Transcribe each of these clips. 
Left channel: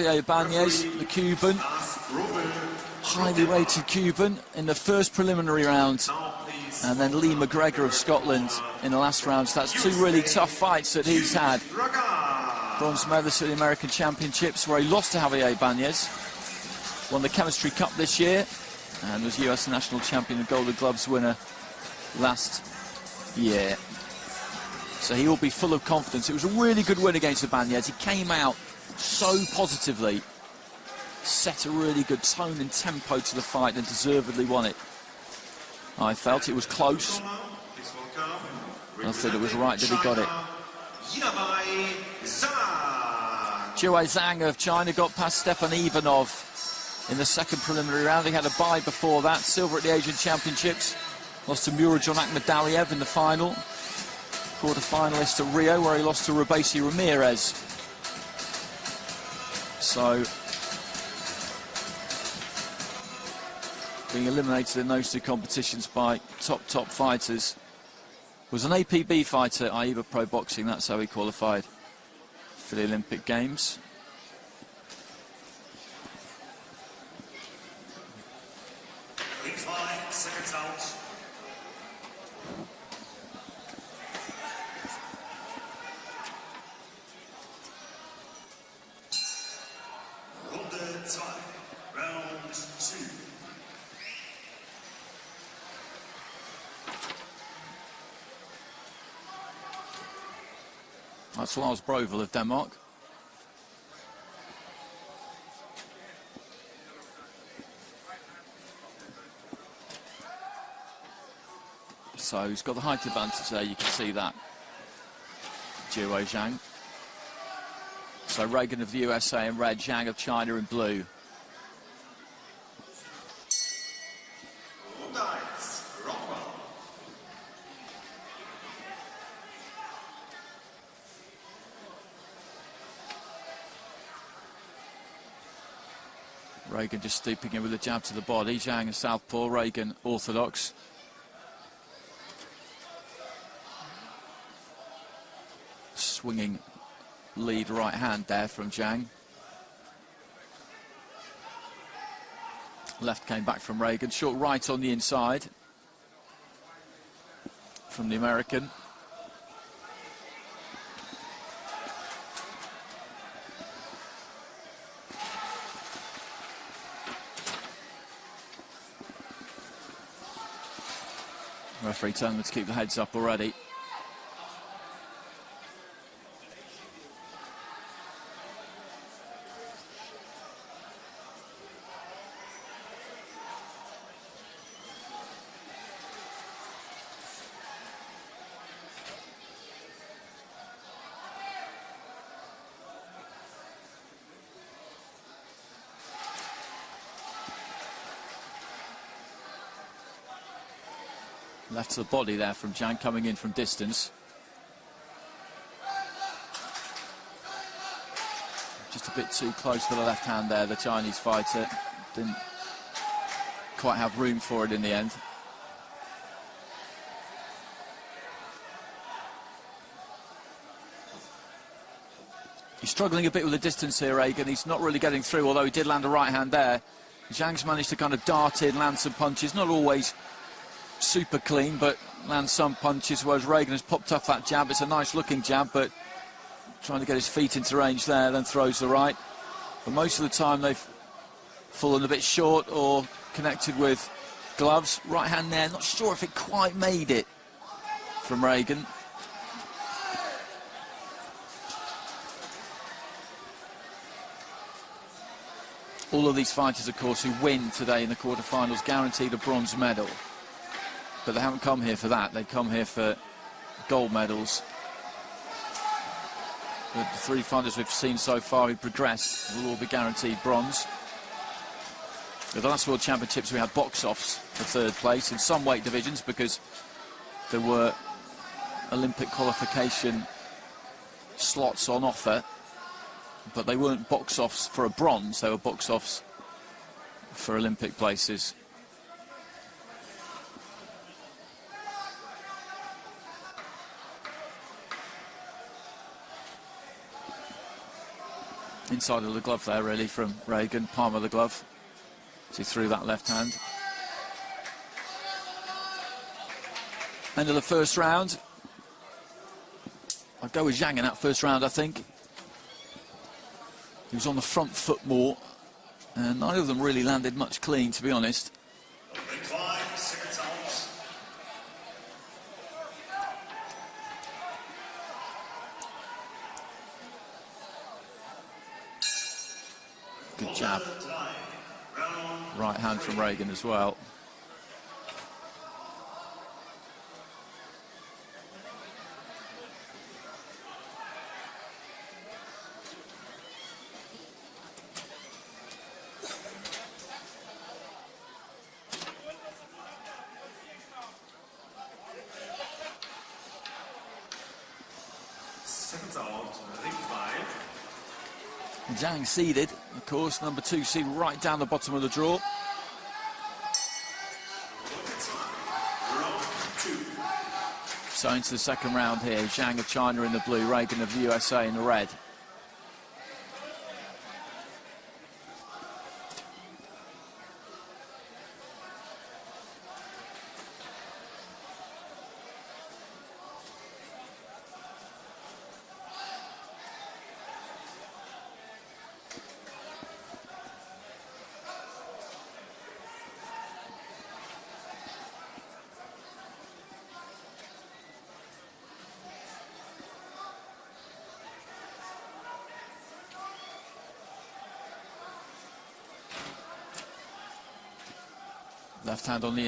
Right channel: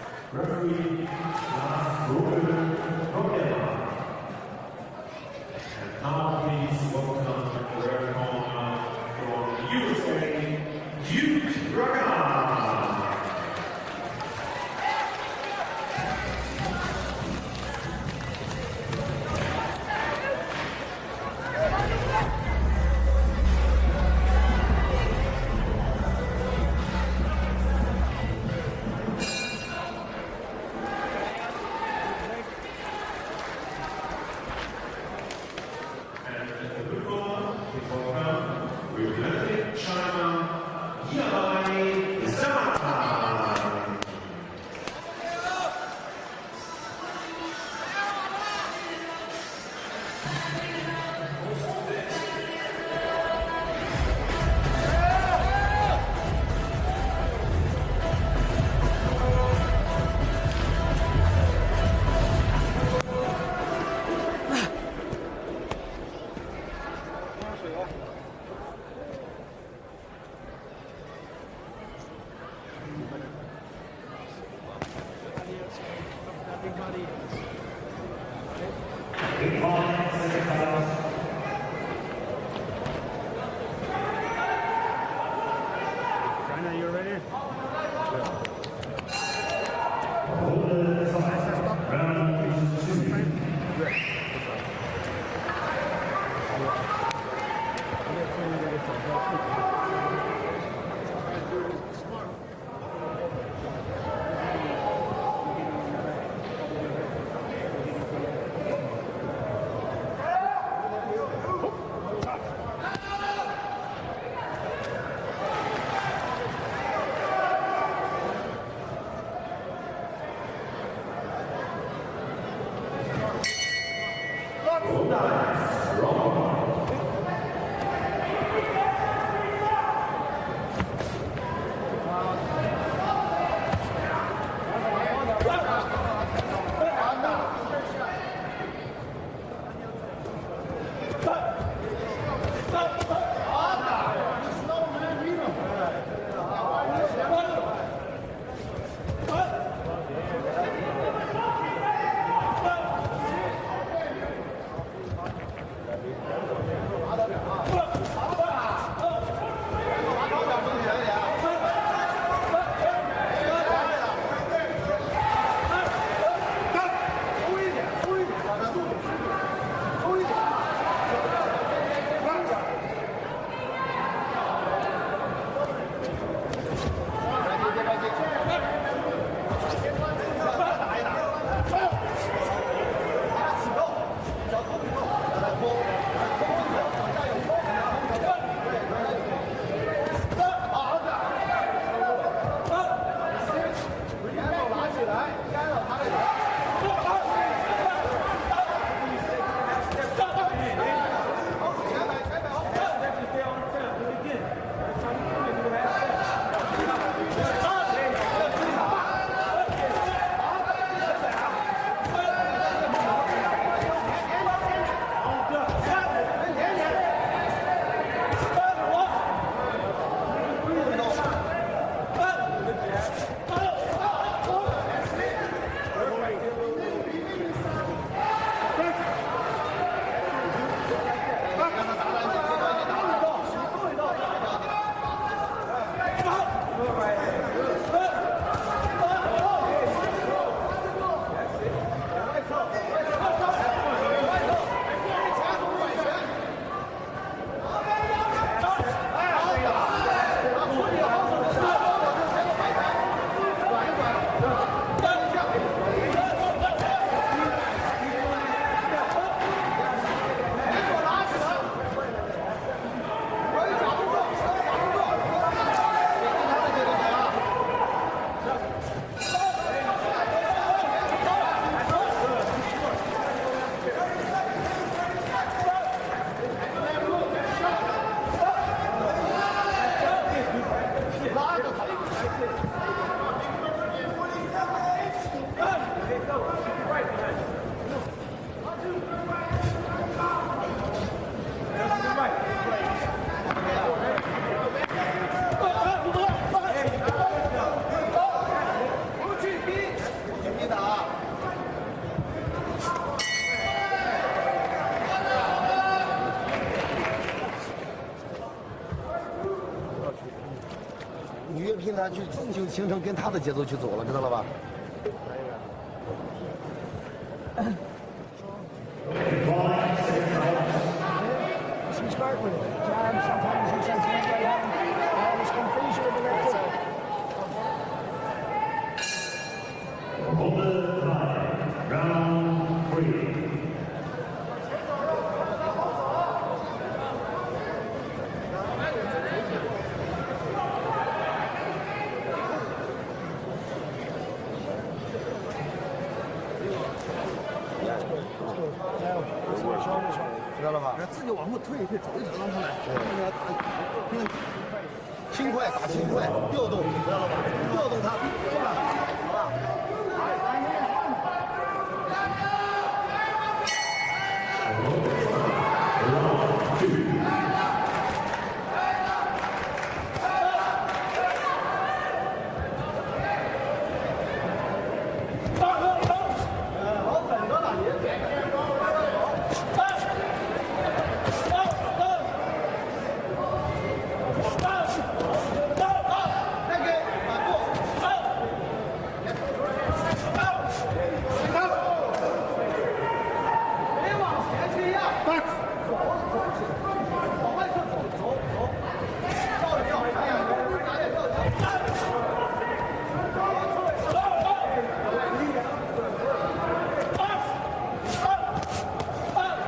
Javier Banez, the Cuban, highly rated Cuban in the first preliminary round, and then Lee McGregor of Scotland in the last round. So that's two really tough fights that he's had. Bronze medalist at the American Championships, where he lost to Javier Banez, won the Chemistry Cup this year, and was US national champion and Golden Gloves winner last year. So he will be full of confidence. It was a really good win against Banez. He came out so positively, set a really good tone and tempo to the fight, and deservedly won it. I felt it was close. I thought it was right that he got it. Jiawei ZHANG of China got past Stefan Ivanov in the second preliminary round. He had a bye before that. Silver at the Asian Championships. Lost to Murodjon Akhmadaliev in the final. Quarterfinalist at Rio, where he lost to Rabesi Ramirez. So being eliminated in those two competitions by top fighters. Was an APB fighter at AIBA Pro Boxing. That's how he qualified for the Olympic Games. That's Lars Brovel of Denmark. So he's got the height advantage there, you can see that. Jiawei ZHANG. So RAGAN of the USA in red, ZHANG of China in blue. RAGAN just steeping in with a jab to the body. ZHANG southpaw, RAGAN orthodox. Swinging lead right hand there from ZHANG. Left came back from RAGAN. Short right on the inside from the American. Referee telling them to keep the heads up already. Body there from ZHANG coming in from distance. Just a bit too close to the left hand there, the Chinese fighter. Didn't quite have room for it in the end. He's struggling a bit with the distance here, RAGAN. He's not really getting through, although he did land a right hand there. ZHANG's managed to kind of dart in, land some punches, not always super clean, but and some punches, whereas RAGAN has popped off that jab. It's a nice looking jab, but trying to get his feet into range there, then throws the right. And most of the time they've fallen a bit short or connected with gloves. Right hand there, not sure if it quite made it from RAGAN. All of these fighters, of course, who win today in the quarterfinals guaranteed a bronze medal. But they haven't come here for that, they've come here for gold medals. The three fighters we've seen so far who progressed will be guaranteed bronze. In the last World Championships we had box-offs for third place in some weight divisions because there were Olympic qualification slots on offer, but they weren't box-offs for a bronze, they were box-offs for Olympic places. Inside with the glove enough there, really, from RAGAN, palm of the glove, to through that left hand. End of the first round. I'll go with Zhang in that first round, I think. He was on the front foot more, and neither of them really landed much clean, to be honest. Jab. Right hand from RAGAN as well. Zhang seeded, of course, number 2 seed right down the bottom of the draw. So into the second round here, Zhang of China in the blue, RAGAN of USA in red.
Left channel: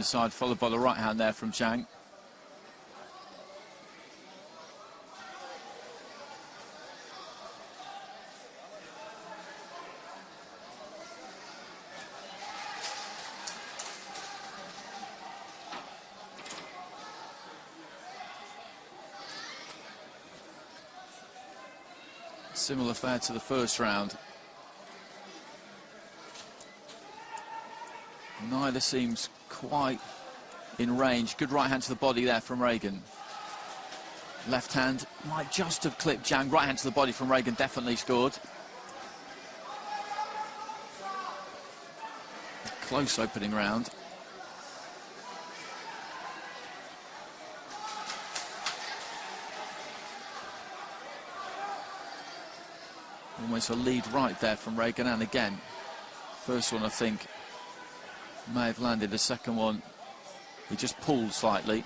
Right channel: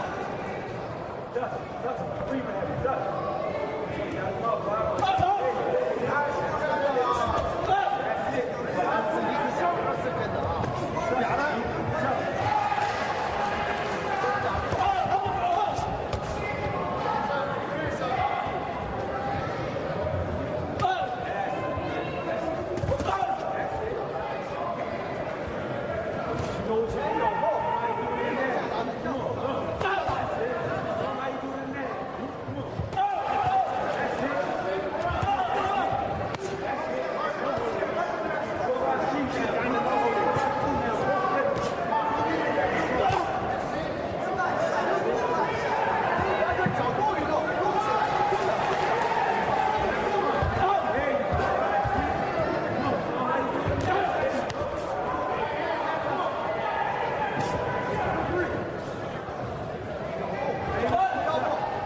Side, followed by the right hand there from Zhang. Similar fight to the first round. Neither seems quite in range. Good right hand to the body there from RAGAN. Left hand just to clip Zhang. Right hand to the body from RAGAN, definitely scored. Close opening round. There's a lead right there from RAGAN, and again, first one I think may have landed, the second one he just pulled slightly.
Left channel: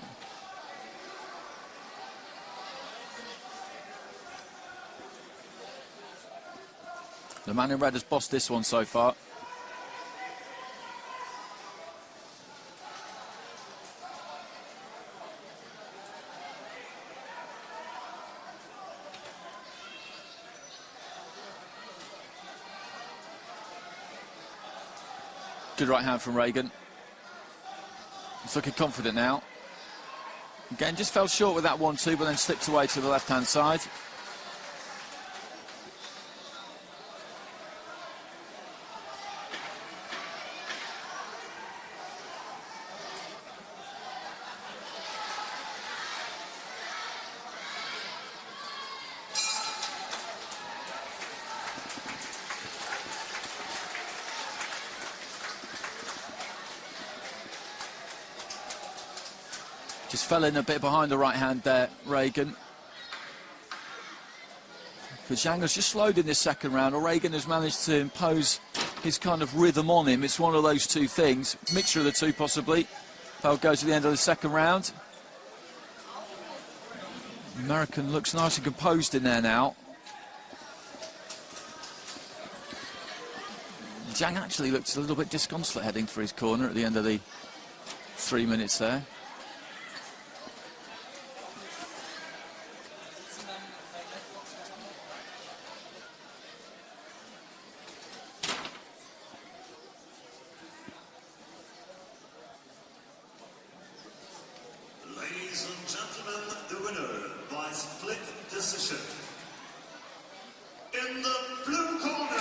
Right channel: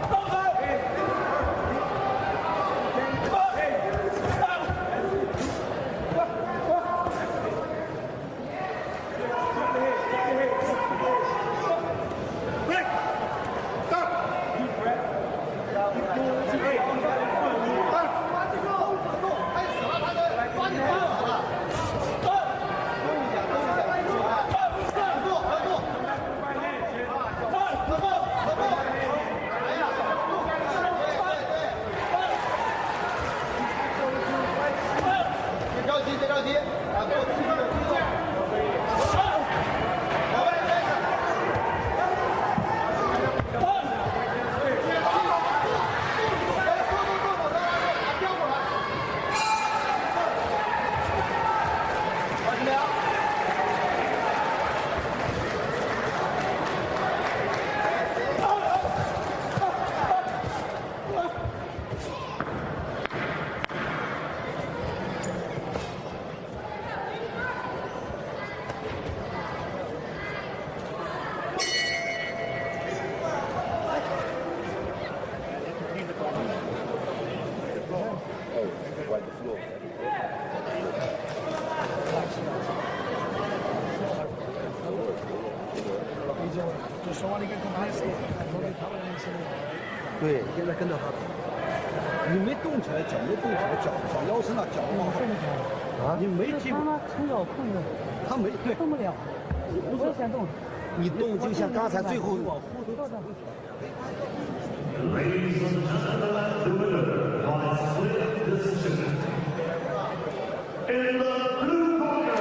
The man in red has bossed this one so far. Good right hand from RAGAN. He's looking confident now. Again, just fell short with that 1-2, but then slipped away to the left-hand side. Fell in a bit behind the right hand there, RAGAN. But Zhang has just slowed in this second round, and RAGAN has managed to impose his kind of rhythm on him. It's one of those two things, mixture of the two possibly. Bell goes to the end of the second round. The American looks nice and composed in there now. Zhang actually looks a little bit disconsolate heading for his corner at the end of the 3 minutes there. 对，现在跟着他，你没动起来，脚没动起来，脚腰伸到脚往后啊，你没踢过，很少控制，他没对，动不了，我也想动，你动就像刚才最后。Ladies and gentlemen, the winner by split decision in the blue corner.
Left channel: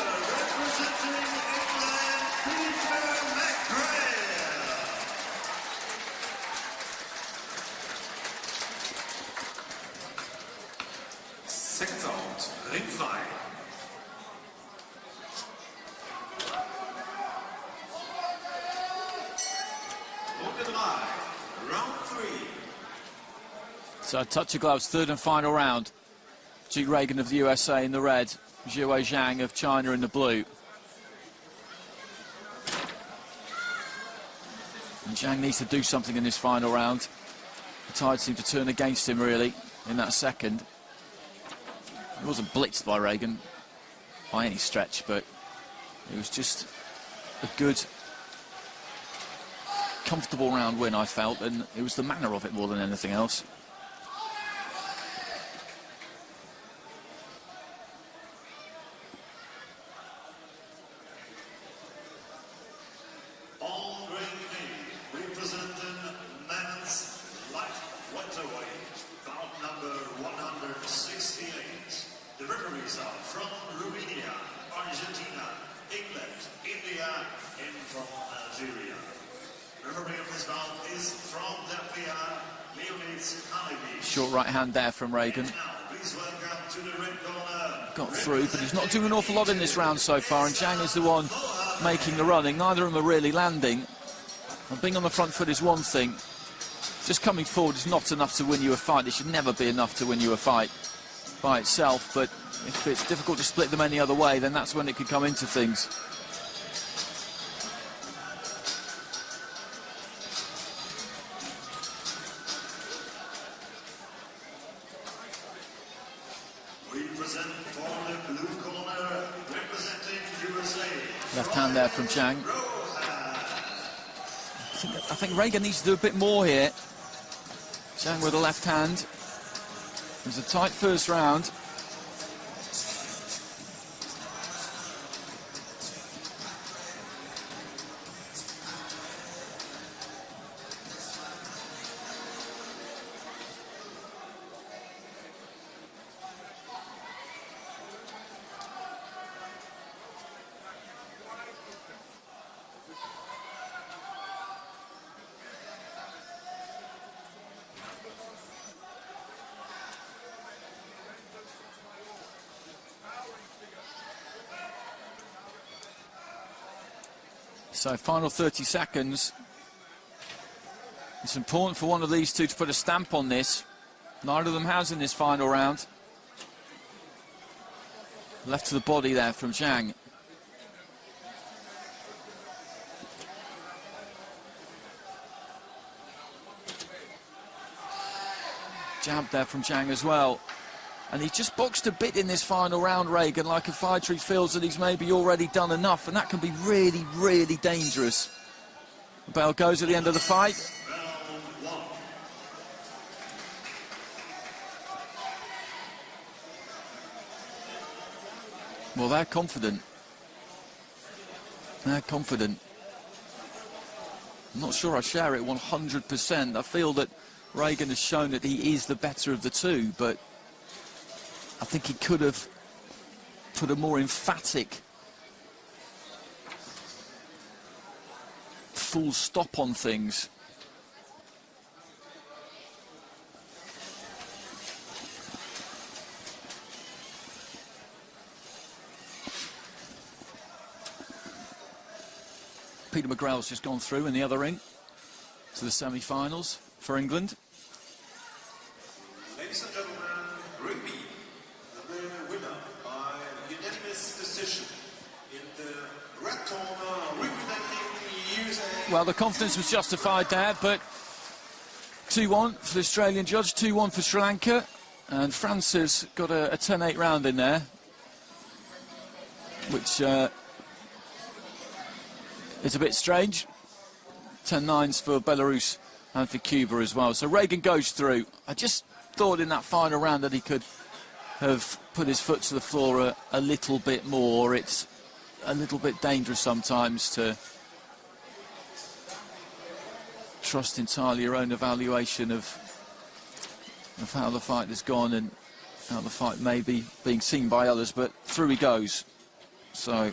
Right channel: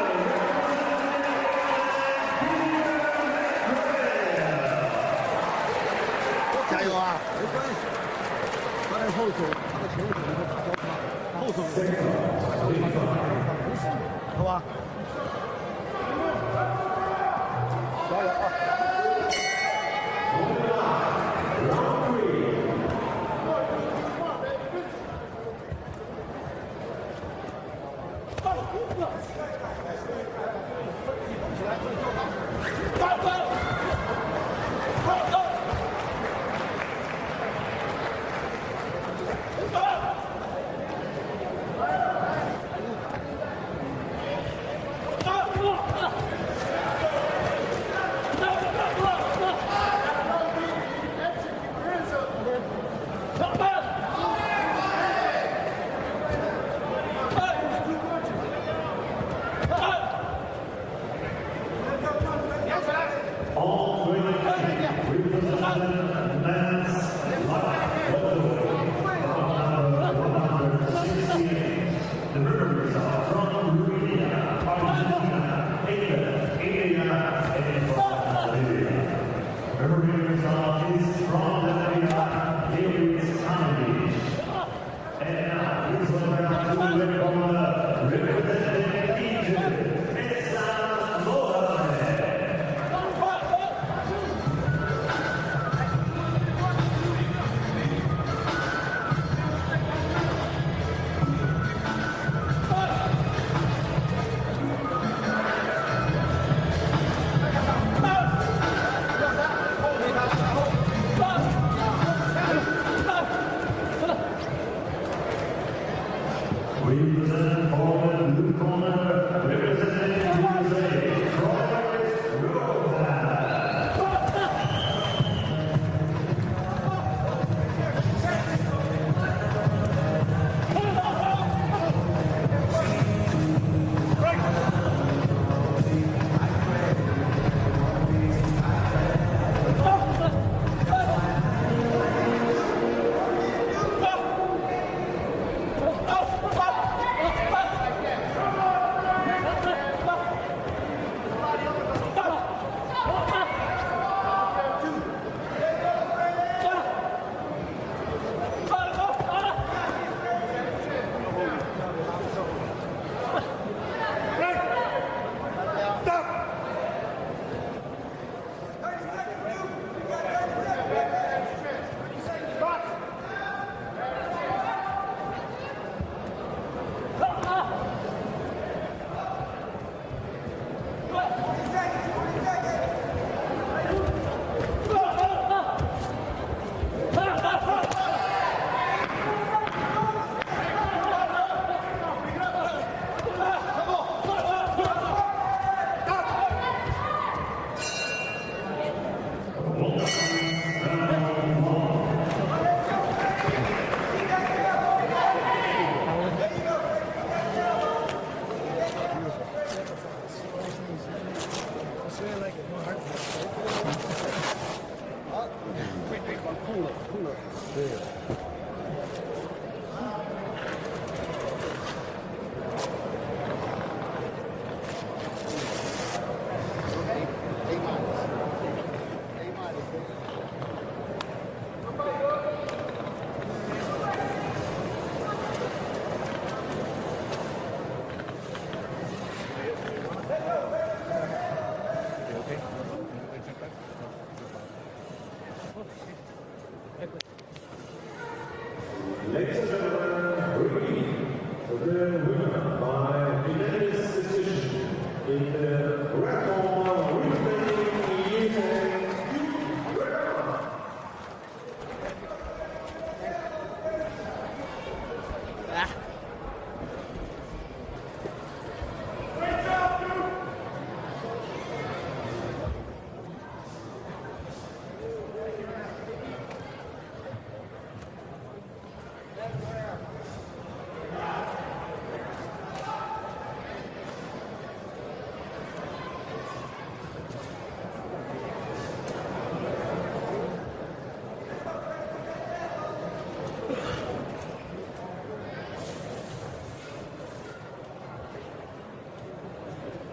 加油啊！没关系，在后手，后手，后手，好吧。Touch of gloves, third and final round. G. RAGAN of the USA in the red, Jiawei ZHANG of China in the blue. ZHANG needs to do something in this final round. The tide seemed to turn against him, really, in that second. He wasn't blitzed by RAGAN by any stretch, but it was just a good, comfortable round win, I felt, and it was the manner of it more than anything else. Short right hand there from RAGAN. Gone through. He's not doing an awful lot in this round so far, and ZHANG is the one making the running. Neither of them are really landing. Being on the front foot is one thing. Just coming forward is not enough to win you a fight. It should never be enough to win you a fight by itself, but if it's difficult to split them any other way, then that's when it can come into things. Left hand there from ZHANG. I think RAGAN needs to do a bit more here. ZHANG with a left hand. It's a tight first round. So final 30 seconds. It's important for one of these two to put a stamp on this. Neither of them has in this final round. Left to the body there from ZHANG. Jab there from ZHANG as well. And he's just boxed a bit in this final round, RAGAN, like a fighter who feels that he's maybe already done enough, and that can be really, really dangerous. Bell goes at the end of the fight. Well, they're confident. They're confident. I'm not sure I share it 100%. I feel that RAGAN has shown that he is the better of the two, but I think he could have put a more emphatic full stop on things. Peter McGrail's just gone through in the other ring to the semi-finals for England. Ladies and gentlemen, the winner by unanimous decision in the Well, the confidence was justified there, but 2-1 for the Australian judge, 2-1 for Sri Lanka, and France has got a 10-8 round in there, which is a bit strange. 10-9s for Belarus and for Cuba as well. So RAGAN goes through. I just thought in that final round that he could have put his foot to the floor a little bit more. It's a little bit dangerous sometimes to trust entirely your own evaluation of how the fight has gone and how the fight may be being seen by others, but through he goes. So